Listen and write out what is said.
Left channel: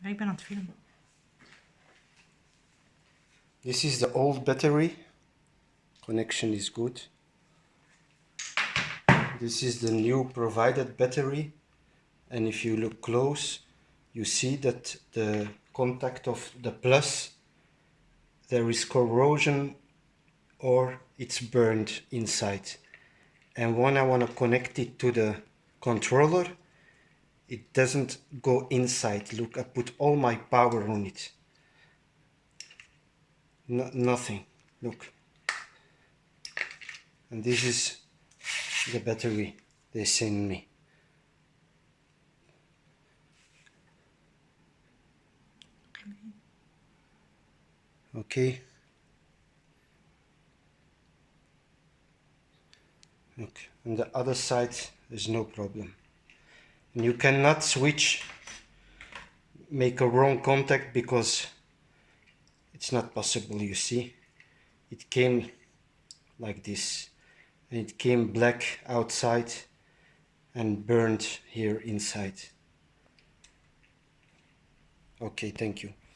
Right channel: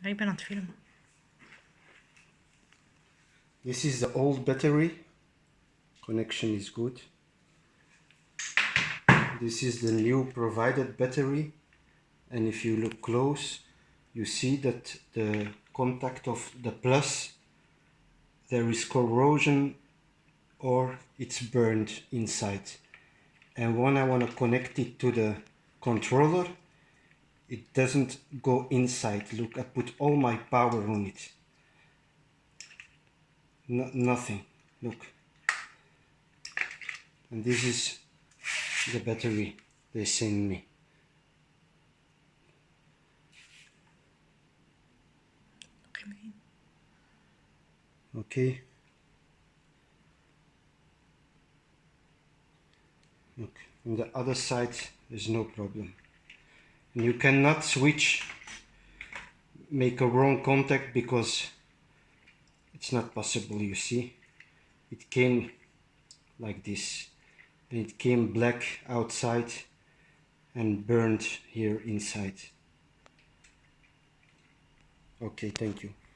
Ja, ik ben aan het filmen. This is the old battery. Connection is good. This is the new provided battery. And if you look close, you see that the contact of the plus, there is corrosion or it's burned inside. And when I want to connect it to the controller, it doesn't go inside. Look, I put all my power on it. Nothing. Look. And this is the battery they send me. Okay. Look, on the other side there's no problem. And you cannot switch, make a wrong contact, because it's not possible, you see. It came like this, and it came black outside and burned here inside. Okay, thank you.